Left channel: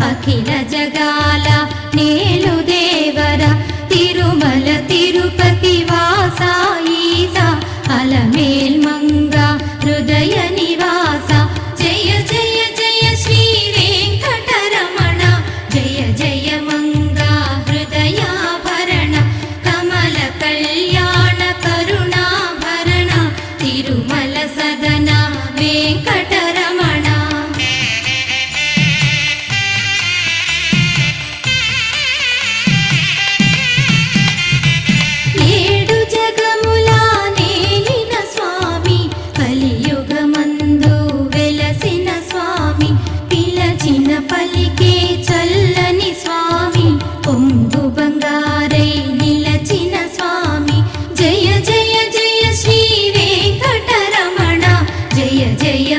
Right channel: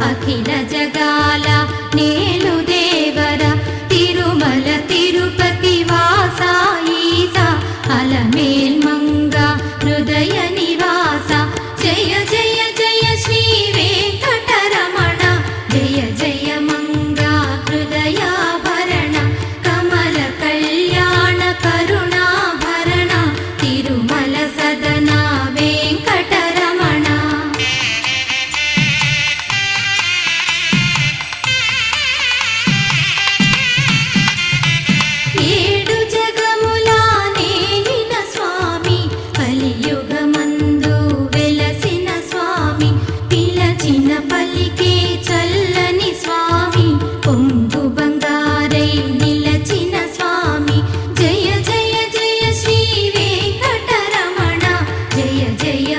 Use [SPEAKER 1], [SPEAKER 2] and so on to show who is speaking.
[SPEAKER 1] అఖిల జగాల నేలు దేవర తిరుమల తిరుపతి వాసాయిత అలమేల్మంగ హృదయ నివాస. జయ జయ జయ శ్రీ వెంకటరమణ జయ జయ కలియుగమందు వెలసిన స్వామి పిలచిన పలికే చల్లని స్వామి పొంగు బంగారై నిలచిన స్వామి. జయ జయ జయ శ్రీ వెంకటరమణ జయ జయ